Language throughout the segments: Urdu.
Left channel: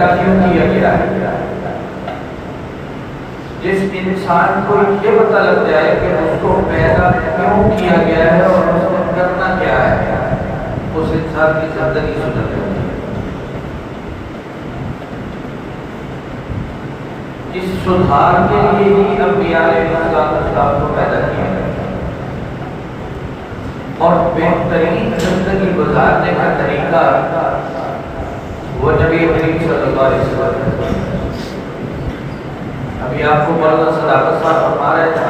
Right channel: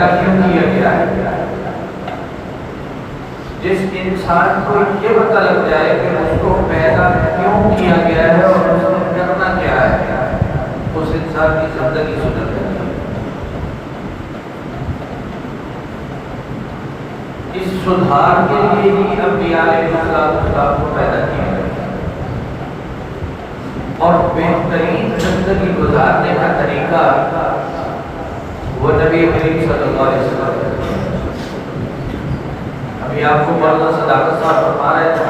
پیدا کیوں کیا گیا ہے؟ جس انسان کو یہ پتہ لگ جائے کہ اس کو پیدا کیوں کیا گیا ہے اور اس کو کرنا کیا ہے، اس انسان کی زندگی سدھر جائے گی۔ اس سدھار کے لیے ہی انبیاء علیہ السلام کو پیدا کیا ہے، اور بہترین زندگی گزارنے کا طریقہ وہ نبی کریم صلی اللہ علیہ وسلم۔ ابھی آپ کو مولانا صداقت صاحب فرما رہے تھے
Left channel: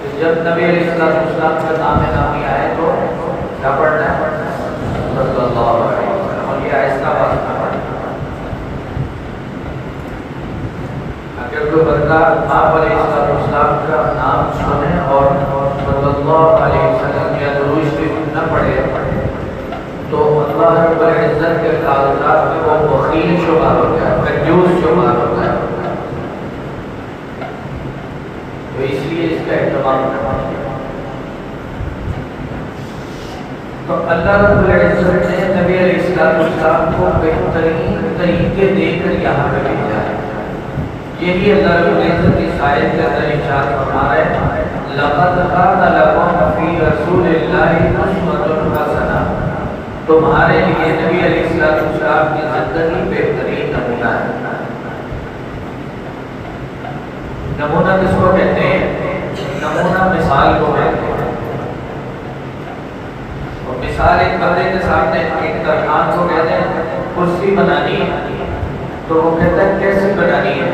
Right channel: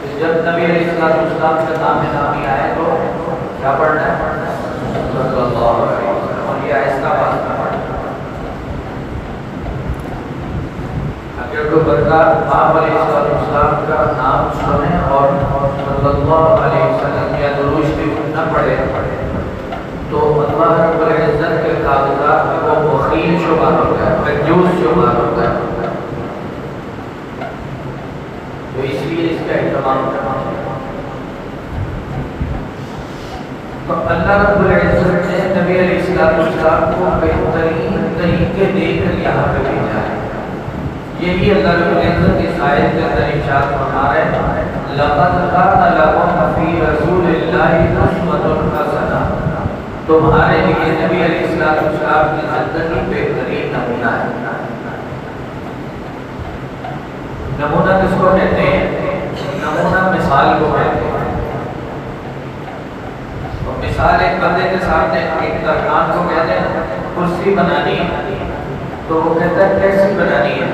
کہ جب نبی علیہ السلام کا نام نامی آئے تو کیا پڑھنا ہے؟ صلی اللہ علیہ وسلم، اور یہ ایسا بات ہے اگر کوئی بندہ آپ علیہ السلام کا نام سنے اور صلی اللہ علیہ وسلم یا درود شریف نہ پڑھے تو اللہ رب العزت کے کاغذات میں وہ بخیل شمار ہوتا ہے، کنجوس شمار ہوتا ہے۔ تو اس لیے اس کا اہتمام کرنا چاہیے۔ تو اللہ رب العزت نے نبی علیہ السلام کو بہترین طریقے دے کر یہاں پہ بھیجا ہے۔ یہی اللہ رب العزت کی آیت کے اندر ارشاد فرما رہے ہیں لقد کان لکم فی رسول اللہ اسوۃ حسنہ، تمہارے لیے نبی علیہ السلام کی زندگی بہترین نمونہ ہے۔ نمونہ کس کو کہتے ہیں؟ نمونہ مثال کو کہتے ہیں۔ اور مثال ایک بندے کے سامنے ایک درخان کو کہتے ہیں کرسی بنانی ہے تو وہ کہتا ہے کیسے بنانی ہے،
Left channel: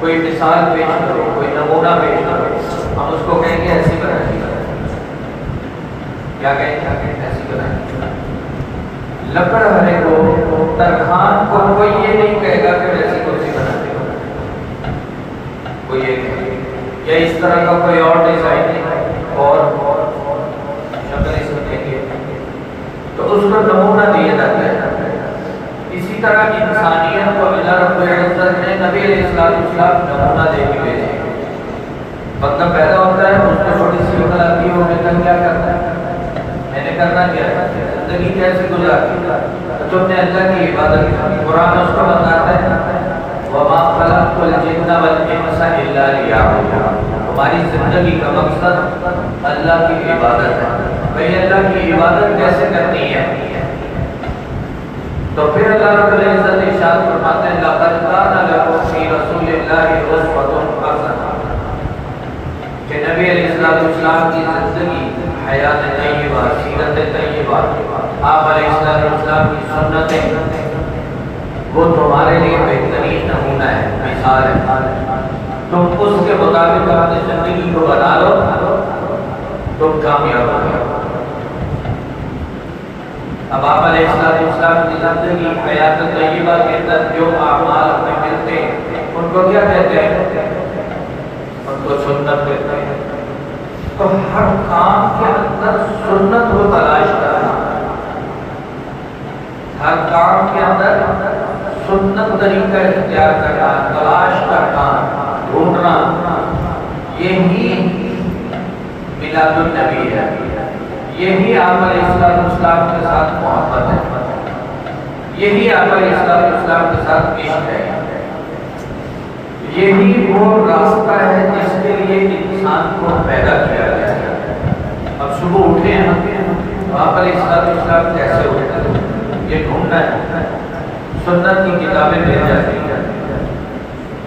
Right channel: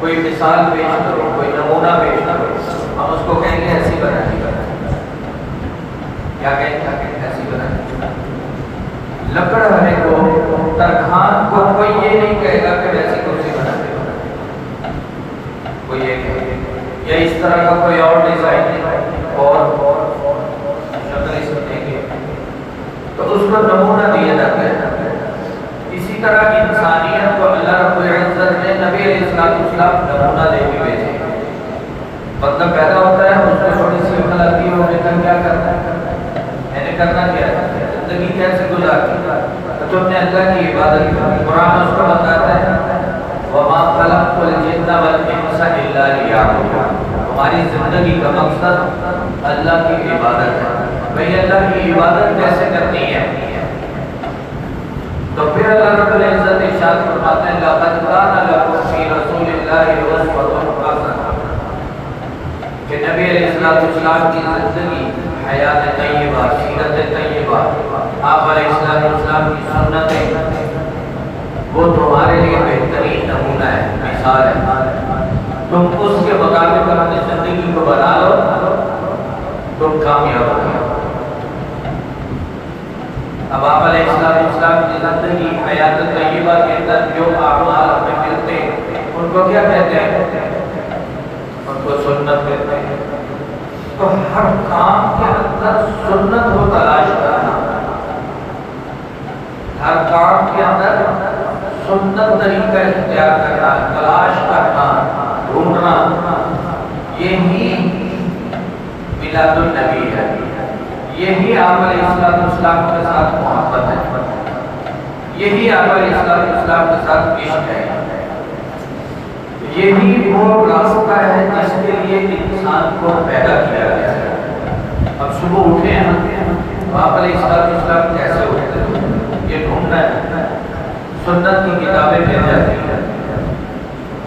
کوئی مثال پیش کرو، کوئی نمونہ پیش کرو، ہم اس کو کہیں گے ایسی بنانی ہے۔ کیا کہیں گے؟ ایسی بنانی ہے۔ لکڑہرے کو، درخان کو کوئی یہ نہیں کہے گا کہ ویسی کرسی بنانی ہے، کوئی یہ کہے گا یا اس طرح کا کوئی اور ڈیزائن اور شکل اس کو دیں گے تو اس کو نمونہ دیا جاتا ہے۔ اسی طرح کی انسانیت کو اللہ رب العزت نے نبی علیہ السلام نمونہ دے کے بھیجا۔ بندہ پیدا ہوتا ہے، اس کو چھوٹی سی عمر آتی ہے، وہ کہتا ہے کیا کرنا ہے، میں نے کرنا کیا ہے، زندگی کیسے گزارنی ہے، تو اپنے اللہ کی عبادت کرنی۔ قرآن اس کو بتاتا ہے وَمَا خَلَقْتُ الْجِنَّ وَالْإِنسَ إِلَّا لِيَعْبُدُونِ، تمہاری زندگی کا مقصد اللہ کی عبادت ہے۔ بھئی اللہ کی عبادت کیسے کرنی ہے؟ تو پھر اللہ رب العزت ارشاد فرماتے ہیں لَقَدْ كَانَ لَكُمْ فِي رَسُولِ اللَّهِ أُسْوَةٌ حَسَنَةٌ، کہ نبی علیہ السلام کی زندگی، حیات طیبہ، سیرت طیبہ، آپ علیہ السلام کی سنتیں، وہ تمہارے لیے بہترین نمونہ ہے، مثال ہے۔ تم اس کے مطابق اپنی زندگی کو بنا لو، تم کامیاب ہو گئے۔ اب آپ علیہ السلام کی زندگی، حیات طیبہ کے اندر جو اعمال ہمیں ملتے ہیں ان کو کیا کہتے ہیں؟ ان کو سنت کہتے ہیں۔ تو ہر کام کے اندر سنت کو تلاش کرنا، ہر کام کے اندر سنت طریقہ اختیار کرنا، تلاش کرنا، ڈھونڈنا، یہی میلاد النبی ہے، یہی آپ علیہ السلام کے ساتھ محبت ہے، یہی آپ علیہ السلام کے ساتھ عشق ہے، یہی وہ راستہ ہے جس کے لیے انسان کو پیدا کیا گیا ہے۔ اب صبح اٹھے ہیں تو آپ علیہ السلام کیسے اٹھتے ہیں یہ ڈھونڈنا ہے۔ سنت کی کتابیں مل جاتی ہیں،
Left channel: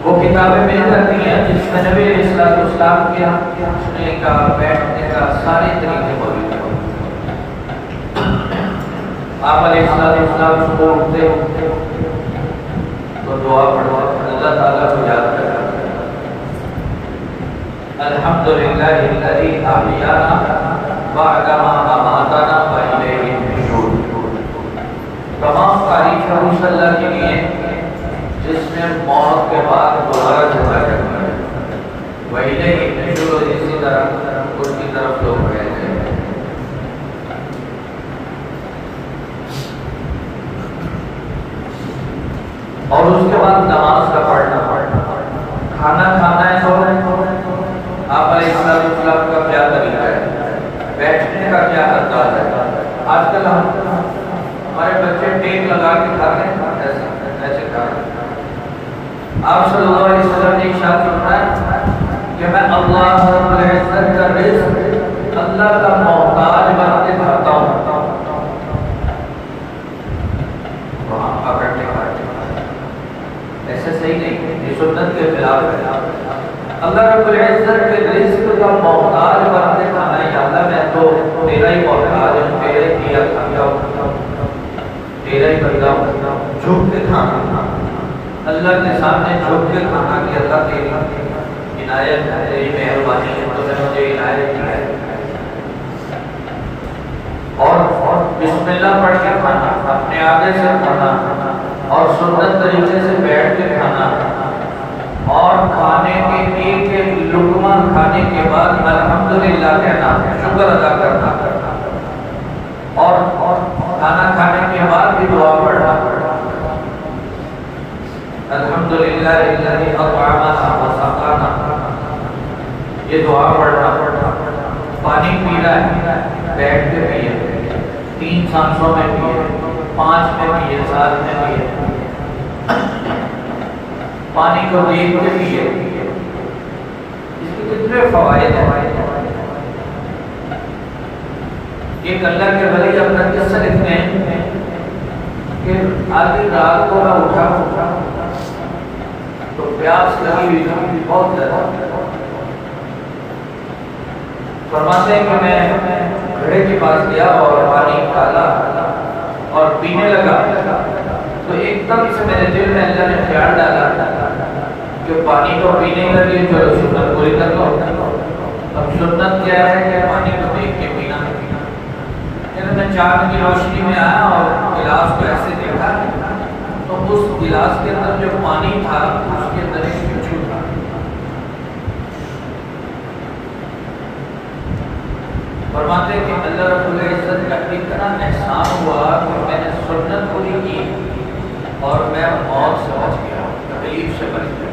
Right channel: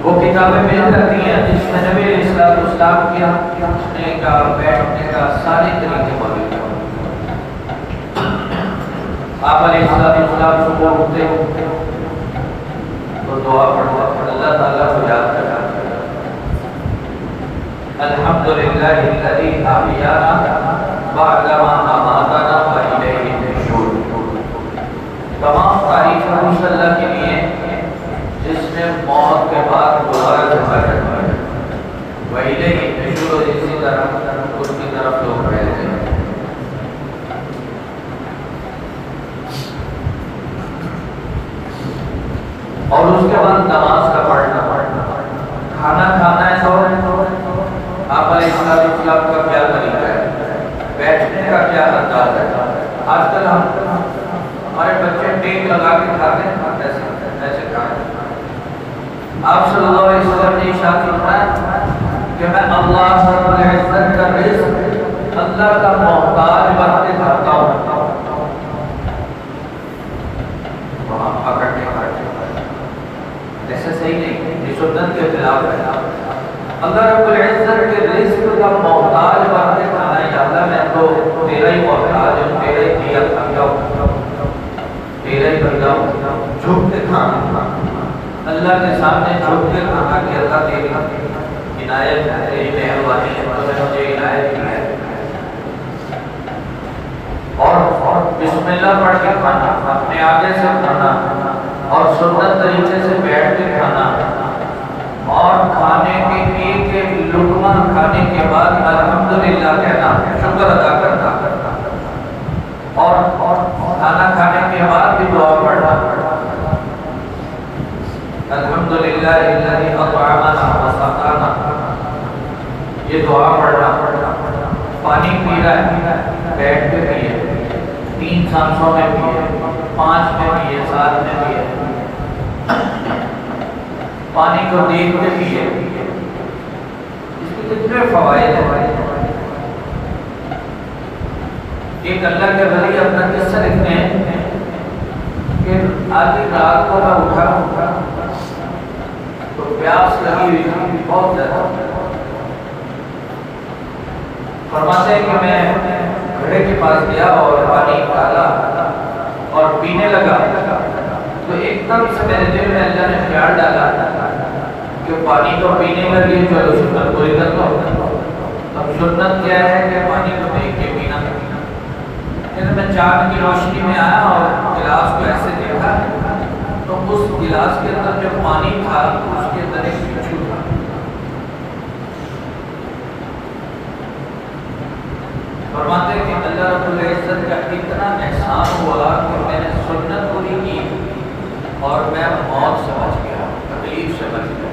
وہ کتابیں مل جاتی ہیں جس میں نبی علیہ السلام کے اٹھنے کا، بیٹھنے کا سارے طریقے موجود ہیں۔ آپ علیہ السلام صبح اٹھتے تو دعا پڑھتے، اللہ تعالیٰ کو یاد کرنا، الحمدللہ الذی احیانا بعد ما اماتنا والیہ النشور۔ تمام تعریف اس اللہ کے لیے جس نے موت کے بعد دوبارہ زندہ کرنا ہے، والیہ النشور، اسی طرح اس کی طرف لوگ بھیجے ہیں۔ اور اس کے بعد نماز کا پڑھنا، کھانا کھانا ہے تو آپ علیہ السلام کا کیا طریقہ ہے، بیٹھنے کا کیا انداز ہے۔ آج کل ہمارے بچے ٹیک لگا کے کھاتے ہیں، ایسے کھانا آپ صلی اللہ علیہ وسلم نے ارشاد فرمایا کہ میں اللہ رب العزت کا رزق اللہ کا محتاج بن کے کھاتا ہوں. وہاں پکڑ کے کھاتے ایسا صحیح نہیں، یہ سنت کے خلاف ہے. اللہ رب العزت کے رزق کا محتاج بن کے کھانا ہے. اللہ میں تو تیرا ہی محتاج ہوں، تیرا ہی دیا کھاتا ہوں، تیرا ہی بندہ ہوں. جھک کے کھانا، اللہ کے سامنے جھک کے کھانا کہ اللہ تیری عنایت تیری مہربانی ہے تو نے مجھے عنایت دی ہے. اور بسم اللہ پڑھ کے کھانا، اپنے آگے سے کھانا اور سنت طریقے سے بیٹھ کے کھانا، اور کھانے کے ایک ایک لقمہ کھانے کے بعد الحمدللہ کہنا، شکر ادا کرنا، اور کھانا کھانے کے بعد بھی دعا پڑھنا. الحمدللہ الذی اطعمنا وسقانا، یہ دعا پڑھنا. پانی پی رہا ہے بیٹھ کے پیے، 3 سانسوں میں پیے، 5 میں پیے، 7 میں پیے. پانی کو دیکھ کے پیے. اس کے کتنے فوائد ہیں. ایک اللہ کے ولی اپنا قصہ لکھتے ہیں کہ آدھی رات کو میں اٹھا تو پیاس لگی ہوئی تھی بہت زیادہ. فرماتے ہیں کہ میں گھڑے کے پاس گیا اور پانی ڈالا اور پینے لگا تو ایک دم سے میرے دل میں اللہ نے خیال ڈالا کہ پانی کو پینے کا لیے چلو سنت پوری کر لو. اب سنت کیا ہے کہ پانی کو دیکھ کے پینا. میں چاند کی روشنی میں آیا اور گلاس کو ایسے دیکھا تو اس گلاس کے اندر جو پانی تھا اس کے اندر ایک بچھو تھا. فرماتے ہیں کہ اللہ رب العزت کا اتنا احسان ہوا کہ میں نے سنت پوری کی اور میں موت سے بچ گیا، تکلیف سے بچ گیا.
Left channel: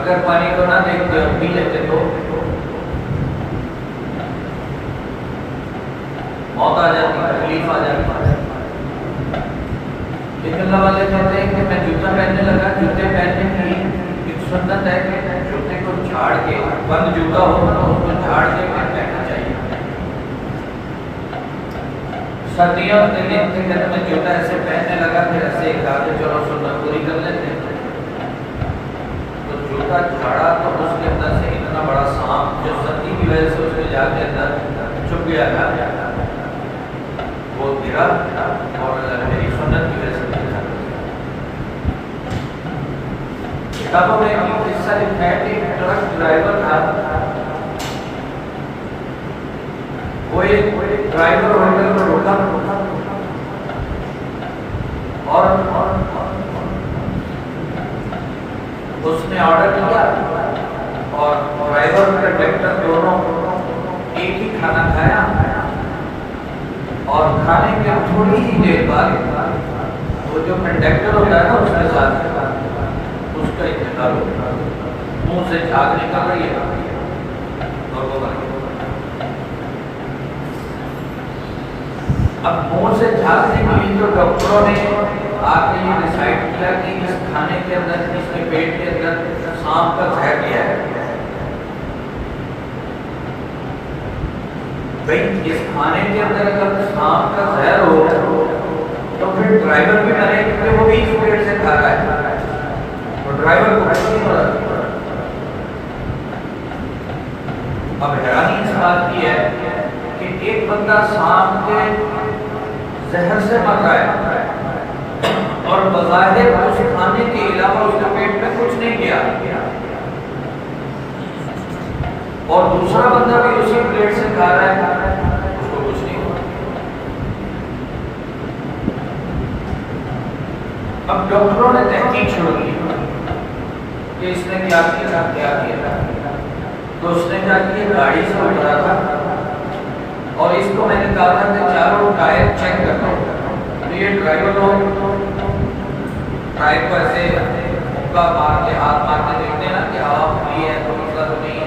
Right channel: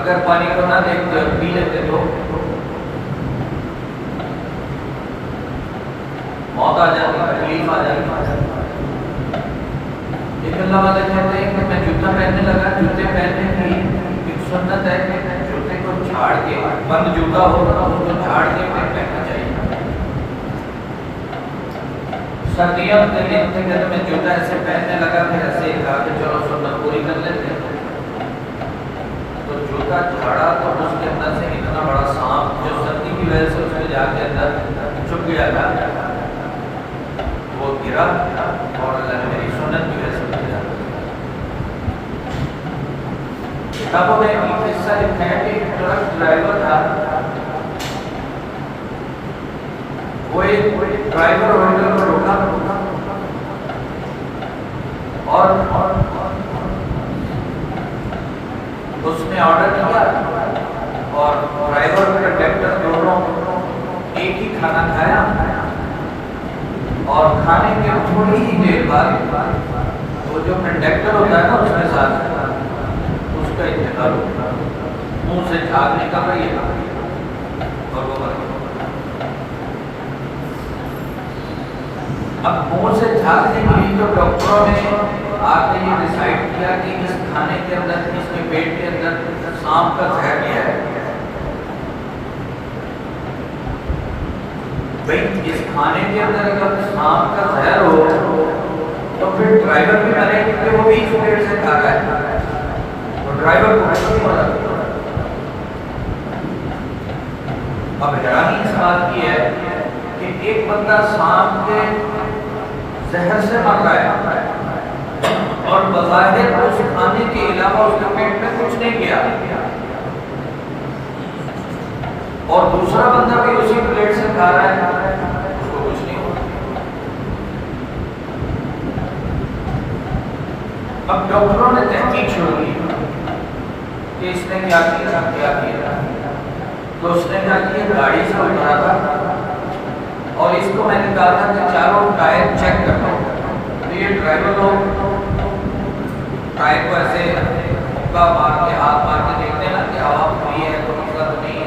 اگر پانی کو نہ دیکھتے اور پی لیتے تو موت آ جاتی، تکلیف آ جاتی. لیکن اللہ والے کہتے ہیں کہ میں جوتا پہننے لگا. جوتے پہننے کی ایک سنت ہے کہ جوتے کو جھاڑ کے، بند جوتا ہو تو اس کو جھاڑ کے پھر پہننا چاہیے. سردیوں میں جوتا ایسے پہننے لگا، پھر ایسے کہا کہ چلو سنت پوری کر لیتے ہیں. تو جوتا جھاڑا تو اس کے اندر سے اتنا بڑا سانپ جو سردی کی وجہ سے اس کے جا کے اندر چھپ گیا تھا، وہ گرا اور اللہ نے میری سنت کی وجہ سے کتابوں میں قصہ لکھا ہے کہ ایک ٹرک ڈرائیور تھا. وہ ایک ڈرائیور ہوٹل پر روکا اور اس نے آرڈر کیا اور ڈرائیور اور کنڈکٹر دونوں ایک ہی کھانا کھایا. اور کھانے کے تھوڑی ہی دیر بعد وہ جو کنڈکٹر ہوتا ہے نا اس کے ساتھ اس کا انتقال ہوتا ہے. منہ سے جھاگ نکل رہی ہے اور وہ مر گیا. اب منہ سے جھاگ نکلی تو ڈاکٹروں نے آ کے یہ ڈیسائیڈ کیا کہ اس کھانے کے اندر، اس کے پیٹ کے اندر سانپ کا زہر دیا ہے. اس کھانے کے اندر اگر سانپ کا زہر ہو تو پھر ڈرائیور بھی مرے کیونکہ وہ بھی اس پیٹ سے کھا رہا ہے اور ڈرائیور کو نہیں ہو رہا. اب حیرانی اس بات کی ہے کہ ایک بندہ سانپ کے زہر سے مر رہا ہے اور بظاہر اس کھانے کے علاوہ اس کے پیٹ میں کچھ نہیں گیا، اور دوسرا بندہ بھی اسی پلیٹ سے کھا رہا ہے، اس کو کچھ نہیں ہوا. اب ڈاکٹروں نے تحقیق شروع کی کہ اس نے کیا کیا. تو اس نے کہا کہ گاڑی سے اٹھا تھا اور اس کو میں نے کہا تھا کہ چاروں ٹائر چیک کرتا ہوں. تو یہ ڈرائیور لوگ ٹائر کو ایسے مکہ مار کے، ہاتھ مار کے دیکھتے ہیں نا کہ ہوا فری ہے تو مسئلہ تو نہیں ہے.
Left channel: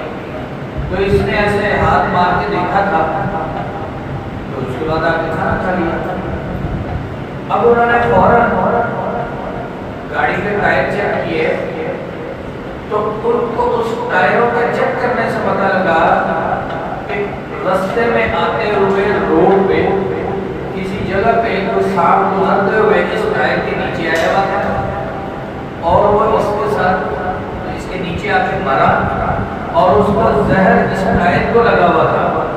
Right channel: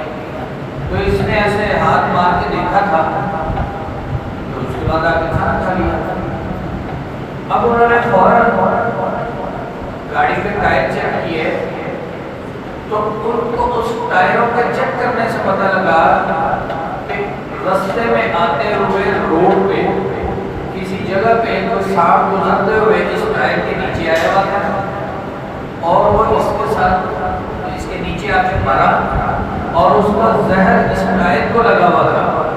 تو اس نے ایسے ہاتھ مار کے دیکھا تھا تو اس کے بعد آ کے کھانا کھا لیا. اب انہوں نے فوراً گاڑی گاڑی کے ٹائر چیک کیے تو ان کو اس ٹائروں کے چیک کرنے سے پتہ لگا کہ رستے میں آتے ہوئے روڈ پہ کسی جگہ پہ کوئی سانپ گزرتے ہوئے اس ٹائر کے نیچے آیا ہوا تھا اور وہ اس کے ساتھ اس کے نیچے آ کے مرا اور اس کا زہر اس ٹائر کو لگا ہوا تھا.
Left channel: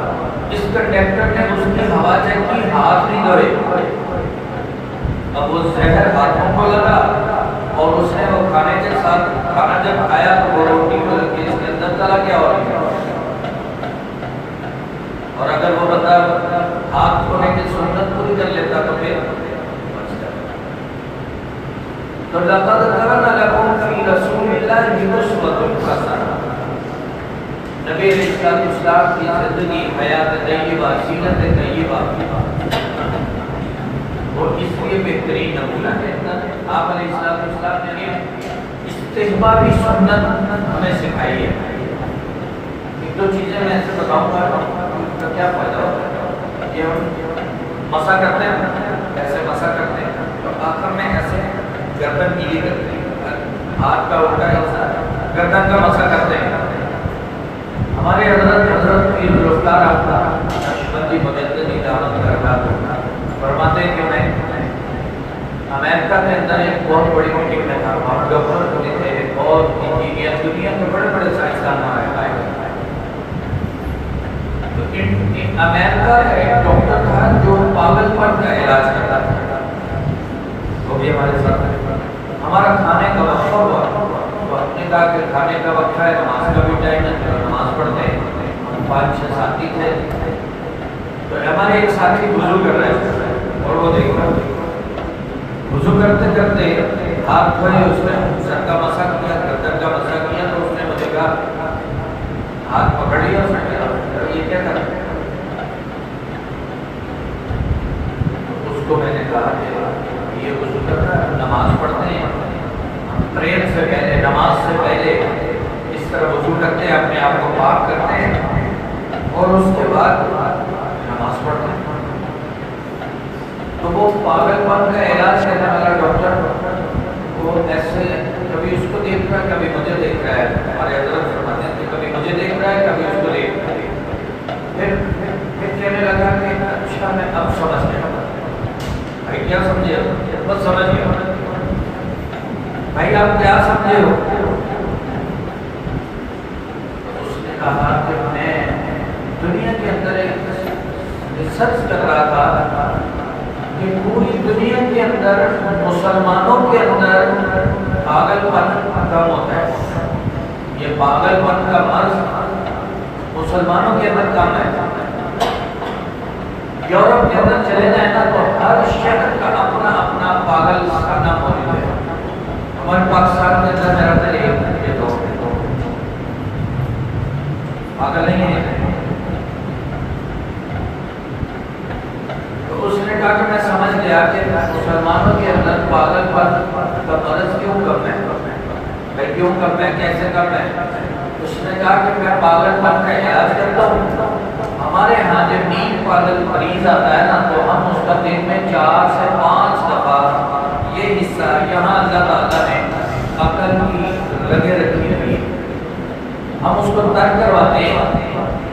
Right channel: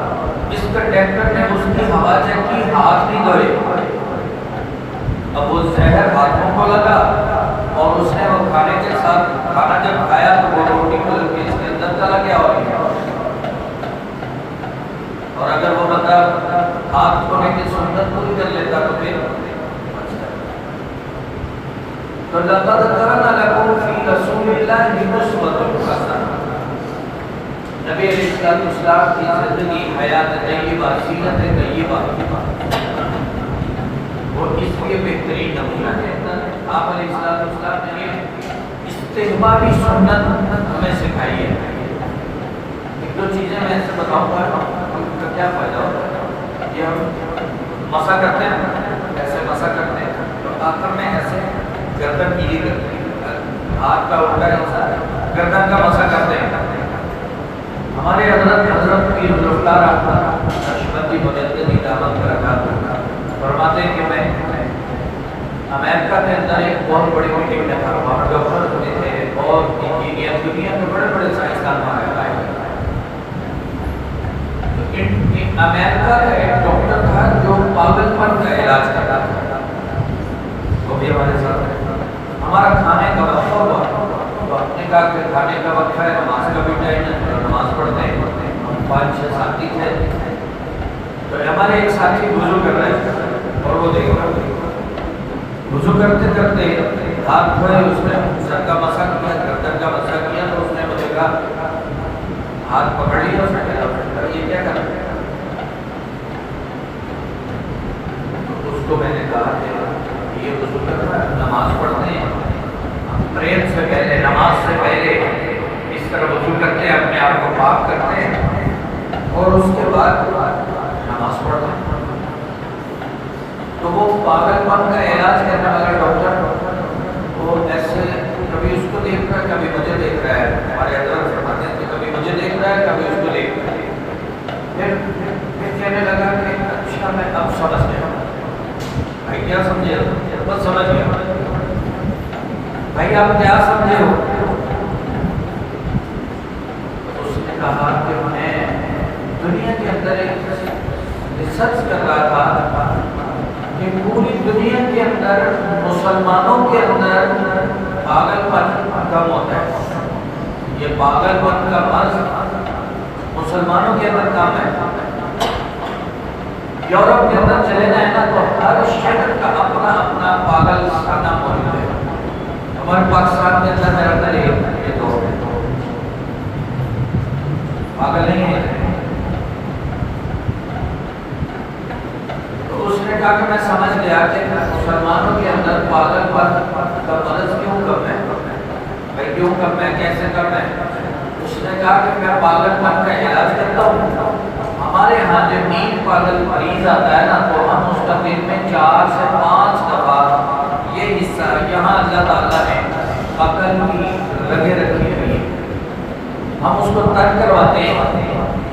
اس کنڈکٹر نے اس کی ہوا چیک کی, ہاتھ نہیں دھوئے. اب وہ زہر ہاتھوں کو لگا اور اس نے وہ کھانے کے ساتھ کھانا جب کھایا تو وہ روٹی کو لگ کے اس کے اندر چلا گیا. اور اگر وہ بندہ ہاتھ دھونے کی سنت پوری کر لیتا تو پھر تو لقد کان لکم فی رسول اللہ اسوۃ حسنہ. نبی علیہ السلام کی زندگی حیات طیبہ سیرت طیبہ وہ اس لیے بہترین نمونہ ہے. آپ علیہ السلام نے استحبابی سنت ہمیں سکھائی ہے. ایک دو چیزیں میں ایسے بتاؤں گا ان کا کیا فائدہ ہوتا ہے. یہ ہم مسا کرتے ہیں, ایسے مسا کرتے ہیں تو آخر میں ایسے گردن گیری کرتے ہیں, ہاتھ کا الٹا ایسا گردن کا مسا کرتے ہیں. ہمارے حضرت کی رفتار نقشبندی مجددی دعوت برکاتہ فرماتے ہیں کہ میں امریکہ کے اندر ایک بہت بڑی میٹنگ میں تھا. وہاں ڈاکٹر ہوئے تھے اور انجینئر, دنیا کے بڑے بڑے سائنسدان وہاں آئے. امریکہ کا ایک ڈاکٹر تھا جو پاگل پن کا علاج کرتا تھا. وہ بھی ہمارے ساتھ ہمارا کھانے کا وقت ہوا تو ہم نے کہا کہ کھانے کا وقت ہے, نماز کا بھی ٹائم ہے, نماز پڑھتے ہیں. 5-6 ساتھی تھے تو ہمارے ایک ساتھی وضو کر رہے تھے اور وہ دیکھ رہا تھا. وضو کرتے کرتے ہاتھ دھوئے, اس نے سر کا مسا کیا, گردن کا مسا کیا تو اس نے مجھے کہا, ہاتھ پکڑ لیا. اس نے کہا یہ کیا کر رہے. اس کو میں نے کہا کہ یہ وضو کر رہا ہے, نماز پڑھتے ہیں, پریئر سے پہلے, نماز سے پہلے اس طرح وضو کرتے ہیں, اپنے آپ کو پاک کرتے ہیں اور اس کے بعد نماز پڑھتے ہیں. تو وہ پاگل پن کا علاج کرنے والا ڈاکٹر وہ ایسے کبھی اس کو دیکھ رہا ہے, کبھی مجھے دیکھ رہا ہے. ہمارے حضرت فرماتے ہیں کہ کبھی مجھے دیکھ رہا ہے, کبھی اس کو دیکھ رہا ہے. پھر کہنے لگا کہ اچھا میں اب سمجھ گیا. بھائی کیا سمجھے؟ بس سمجھ گیا. بھائی آپ کیا سمجھے ہو؟ اس نے کہا کہ میں دنیا کے اندر ایک ریسرچ کر رہا تھا کہ پوری دنیا کے اندر مسلمانوں کے اندر پاگل پن کم ہوتا ہے. یہ پاگل پن کا مرض مسلمانوں کے اندر کم ہے. یورپ کے اندر چلے جائیں نا تو ہر شہر کا اپنا اپنا پاگل خانہ موجود ہے. ہمارے پاکستان میں اندر زیادہ تر یہ تو پاگل نہیں ہے. تو اس نے کہا کہ میں سمجھ گیا کہ مسلمانوں کے اندر پاگل پن کا مرض کیوں کم ہے. بھائی کیوں کم ہے, کیسے کم ہے؟ اس نے کہا کہ میں پاگل پن کا علاج کرتا ہوں. ہمارے ہاں جو نیند پاگل مریض آتا ہے نا تو ہم اس کا دن میں 4 سے 5 دفعہ یہ حصہ یہاں اللہ تعالیٰ نے عقل کی رگیں رکھی ہوئی, ہم اس کو تر کرواتے ہیں,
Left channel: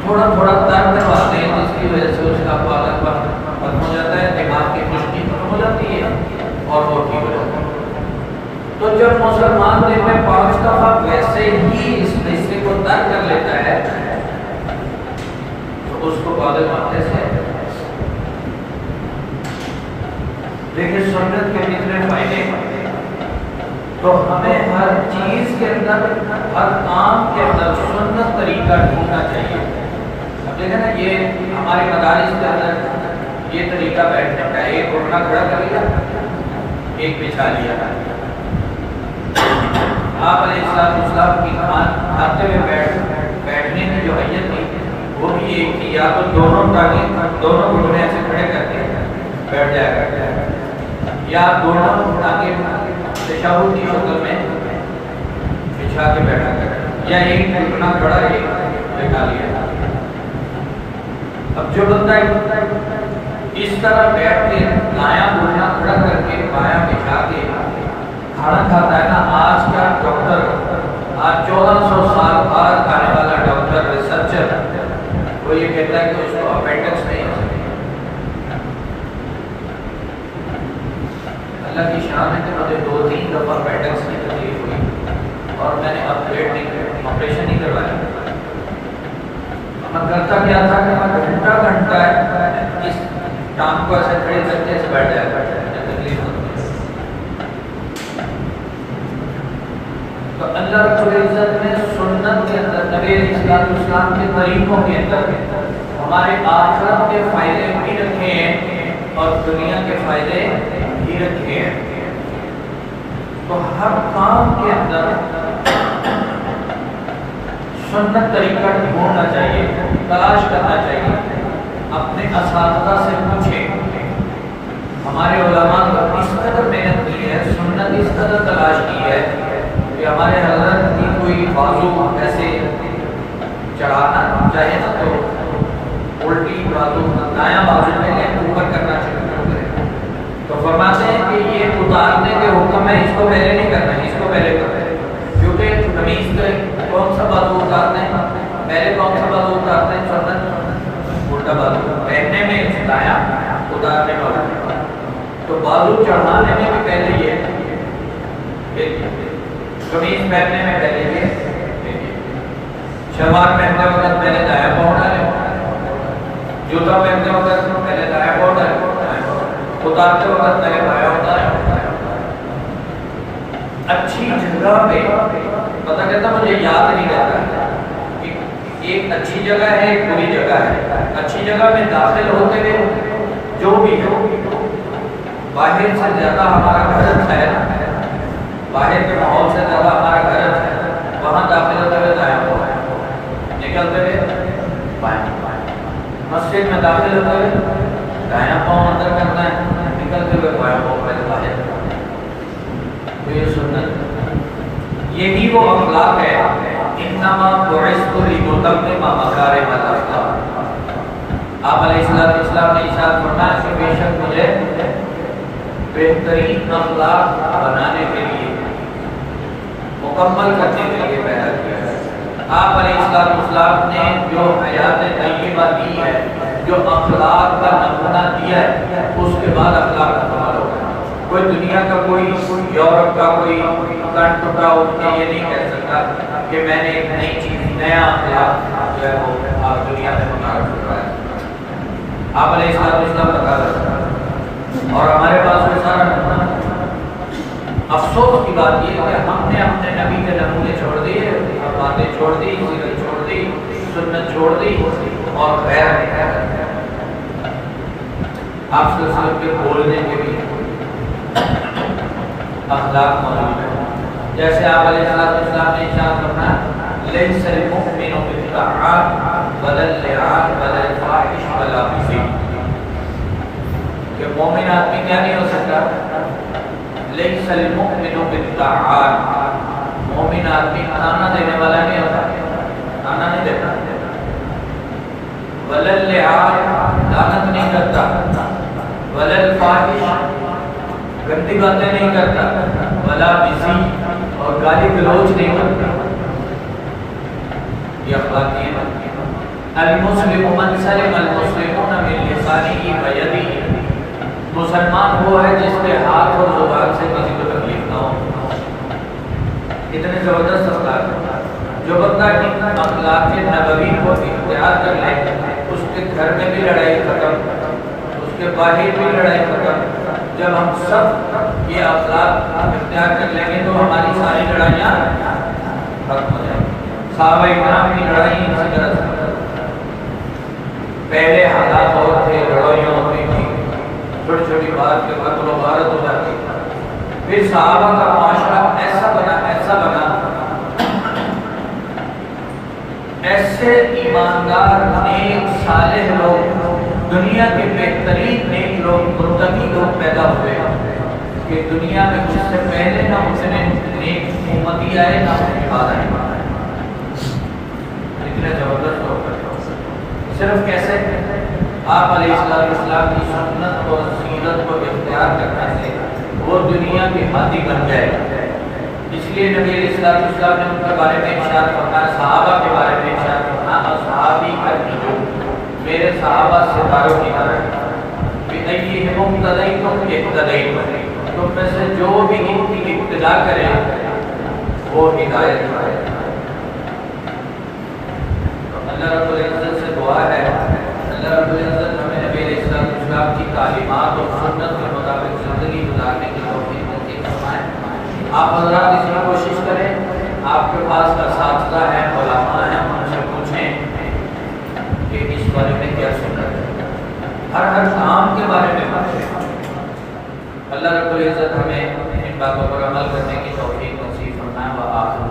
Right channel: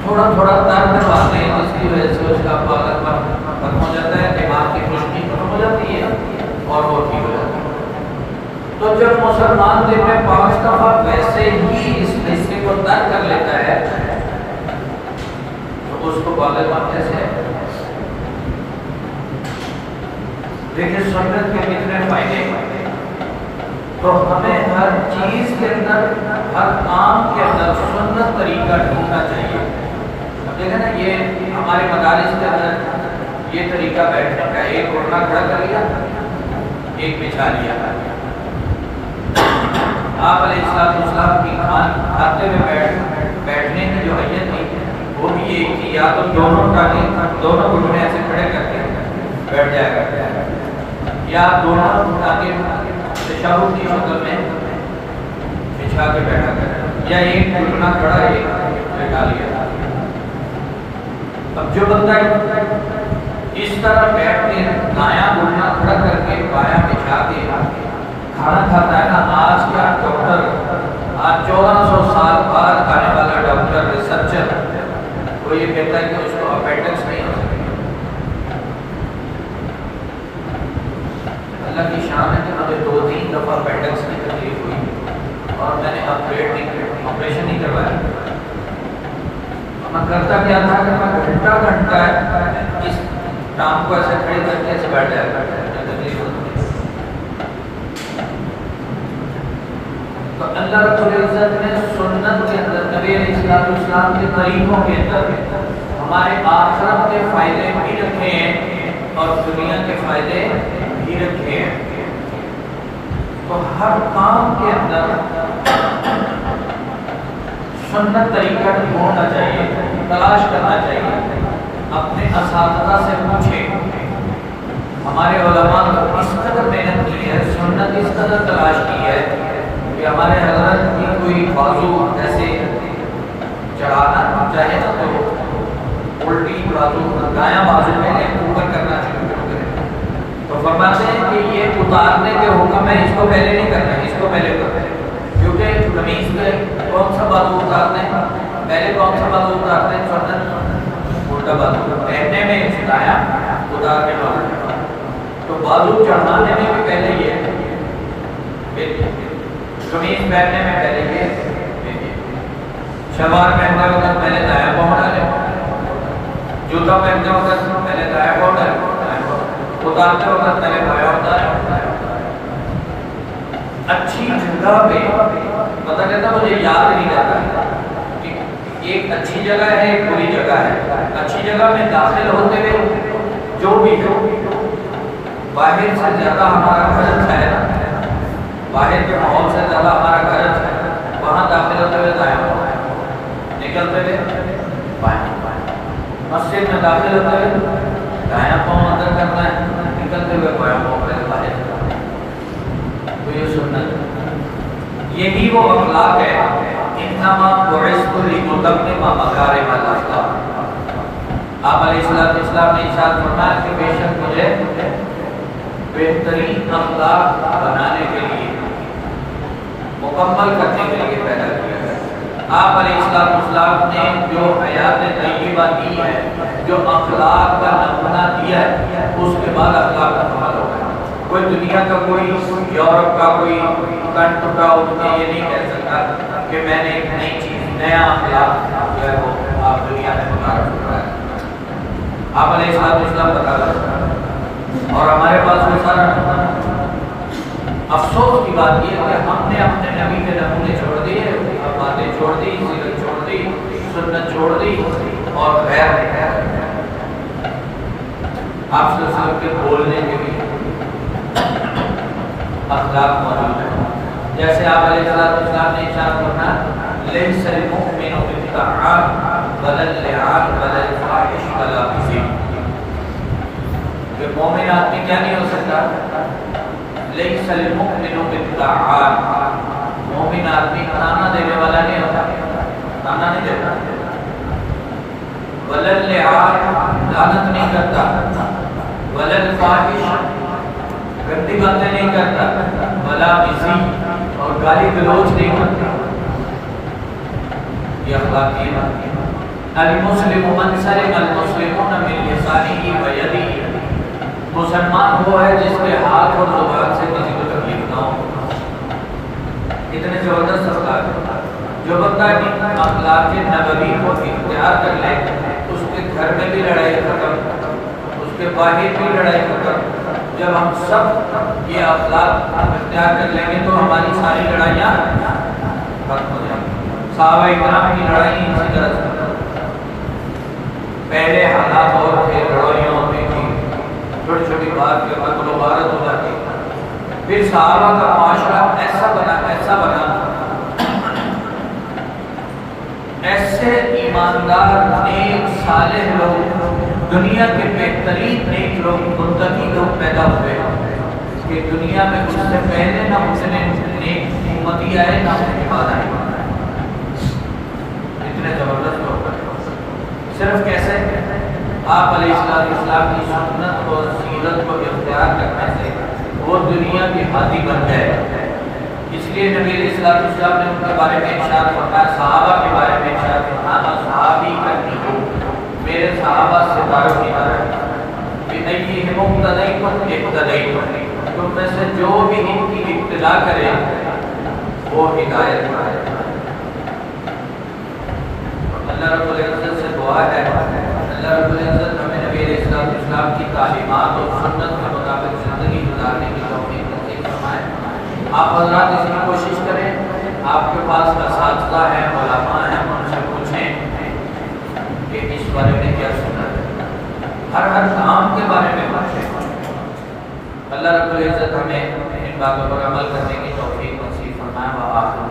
تھوڑا تھوڑا تر کرواتے ہیں, جس کی وجہ سے اس کا پاگل پن ختم ہو جاتا ہے, دماغ کی روشنی ختم ہو جاتی ہے اور وہ ٹھیک ہو جاتا ہے. تو جب مسلمان دن میں 5 دفعہ ویسے ہی اس حصے کو تر کر لیتا ہے تو اس کو پاگل پن سے دیکھیے سنت کے کتنے فائدے ہیں. تو ہمیں ہر چیز کے اندر, ہر کام کے اندر سنت طریقہ ڈھونڈنا چاہیے. اب دیکھیں نا یہ ہمارے مدارس کے اندر یہ طریقہ بیٹھنے کا, ایک گھٹنا کھڑا کر لیا, ایک بچھا لیا. آپ علیہ السلام کی کھاتے ہوئے بیٹھنے کی جو حیت تھی وہ بھی یہ کہ یا تو دونوں گھٹنے ایسے کھڑے کر کے بیٹھ جایا کرتے ہیں, یا دونوں ٹانگیں تشہد کی شکل میں بچھا کے بیٹھا کرتے, یا ایک گھٹنا کھڑا ایک بیٹھا لیا. اب جو بندہ اس طرح بیٹھ کے دایاں گھٹنا کھڑا کر کے بایاں بچھا کے کھانا کھاتا ہے نا، آج کا ڈاکٹر، آج 1400 سال بعد کھانے والا ڈاکٹر ریسرچر وہ یہ کہتا ہے کہ اس کو اپینڈکس نہیں ہو سکتی۔ اللہ کی شان ہے کہ مجھے 2-3 دفعہ اپینڈکس کی تکلیف ہوئی اور میں نے آپریشن نہیں کروایا۔ میں کرتا کیا تھا کہ میں گھنٹہ اس کام کو ایسے کھڑے کر کے بیٹھ جایا تکلیف ہوتی ہے۔ تو اللہ رب العزت نے سنت کے اندر نبی علیہ السلام کے طریقوں کے اندر ہمارے آخرت کے فائدے بھی رکھے ہیں اور دنیا کے فائدے بھی رکھے ہیں۔ تو ہر کام کے اندر سنت طریقہ ڈھونڈنا چاہیے، تلاش کرنا چاہیے، اپنے اساتذہ سے پوچھیں۔ ہمارے علماء کو اس قدر محنت کی ہے، سنت اس قدر تلاش کی ہے کہ ہمارے حضرت کی کوئی بازو ایسے چڑھانا چاہیے نا تو الٹی بازو دایاں بازو میں اوپر کرنا شروع کر دیں، تو فرماتے ہیں کہ یہ اتارنے کے حکم ہے، اس کو پہلے نہیں کرنا ہے، اس کو پہلے کرنا ہے، کیونکہ قمیص کے کون سا بازو اتارتے ہیں، پہلے کون سا بازو اتارتے ہیں، الٹا بازو پہننے میں دایاں اتارنے والا ہے، تو بازو چڑھانے میں بھی پہلے یہ قمیص پہننے میں پہلے یہ شلوار پہنتے وقت پہلے دایاں پاؤں ڈالیں، جوتا پہنتے وقت پہلے دایاں پاؤں ڈالیں، اتارتے وقت پہلے دایاں اتاریں۔ اچھی جگہ پہ پتہ کہتا مجھے یاد نہیں رہتا کہ ایک اچھی جگہ ہے ایک بری جگہ ہے۔ اچھی جگہ میں داخل ہوتے ہوئے جو بھی ہے باہر سے زیادہ ہمارا گھر ہے، باہر کے ماحول سے زیادہ ہمارا گھر ہے، وہاں داخل ہوتے ہوئے دایاں پاؤں، نکلتے ہوئے بائیں۔ مسجد میں داخل ہوتے ہوئے دایاں پاؤں اندر کرنا ہے، نکلتے ہوئے بایاں پاؤں پہلے باہر کرنا ہے۔ تو یہ سنت، یہی وہ اخلاق ہے، انما بعثت لاتمم مکارم الاخلاق۔ آپ علیہ السلام نے ارشاد فرمایا کہ بے شک مجھے بہترین اخلاق بنانے کے لیے، مکمل کرنے کے لیے پیدا کیا ہے۔ آپ علیہ السلام نے جو حیات طیبہ دی ہے، جو اخلاق کا نمونہ دیا ہے، اس کے بعد اخلاق کا کمال ہوگا۔ کوئی دنیا کا کوئی یورپ کا کوئی تن ٹوٹا اس نے یہ نہیں کہہ سکتا کہ میں نے ایک نئی چیز، نیا اخلاق جو ہے وہ آپ دنیا میں متعارف کروایا۔ آپ علیہ السلام بتا رہے ہیں، اور ہمارے پاس کوئی سارا افسوس کی بات یہ ہے کہ ہم نے اپنے نبی کے نمونے چھوڑ دیے، باتیں چھوڑ دی، سیرت چھوڑ دی، سنت چھوڑ دی اور غیر آپ سے کے بولنے کے بھی اخلاق موجود ہے۔ جیسے آپ علیہ السلام نے ارشاد فرمایا لیس المؤمن بالطعام ولا اللعان ولا الفاحش ولا الزنا، کہ مومن آدمی کیا نہیں ہو سکتا؟ لیس المؤمن بالطعام، مومن آدمی کھانا دینے والا نہیں ہوتا، کھانا نہیں دیتا، ولا اللعان لعنت نہیں کرتا، ولا الفاحش گندی باتیں نہیں کرتا، ولا بزی اور گالی گلوچ نہیں کرتا۔ یہ اخلاقی بات ہے۔ المسلم من سلم المسلمون من لسانه ويده، مسلمان وہ ہے جس کے ہاتھ اور زبان سے کسی کو تکلیف نہ ہو۔ اتنے زبردست اخلاق ہے۔ جو بندہ اخلاق نبوی کو اختیار کر لے، اس کے گھر میں بھی لڑائی ختم، اس کے باہر بھی لڑائی ختم۔ جب ہم سب یہ اخلاق اختیار کر لیں گے تو ہماری ساری لڑائیاں ختم ہو جائیں گی۔ صحابہ کرام کی لڑائی ان سے درست پہلے حالات اور تھے، لڑائیوں ہوتی تھی، چھوٹی چھوٹی بات کے بعد مبارک ہوا تھی۔ پھر صحابہ کا معاشرہ ایسا بنا ایسے ایماندار نیک صالح لوگ، دنیا کے بہترین نیک لوگ، متقی لوگ پیدا ہوئے کہ دنیا میں اس سے پہلے نہ اتنے نیک امتی آئے نہ ان کے بعد آئے۔ اتنے زبردست لوگ صرف کیسے؟ آپ علیہ السلام کی سنت اور سیرت کو اختیار کرنے سے وہ دنیا کے ہادی بن گئے. اس لیے نبی علیہ السلام نے ان کے بارے میں ارشاد فرمایا، صحابہ کے بارے میں ارشاد فرمایا، اصحابی کا میرے صحابہ ستاروں کی طرح کہ ایہم اقتدیتم اقتدیتم، تم میں سے جو بھی ان کی ابتدا کرے وہ ہدایت پائے. اللہ رب العزت سے دعا ہے اللہ رب العزت ہمیں نبی علیہ السلام کی تعلیمات اور سنت کے مطابق زندگی گزارنے کی توفیق نصیب فرمائے. آپ حضرات اس میں کوشش کریں، آپ کے پاس اساتذہ ہیں، علماء ہیں، ان سے پوچھیں کہ اس بارے میں کیا سنت ہے. ہر کام کے بارے میں پوچھیں. اللہ رب العزت ہمیں ان باتوں پر عمل کرنے کی توفیق نصیب فرمائے. وآخر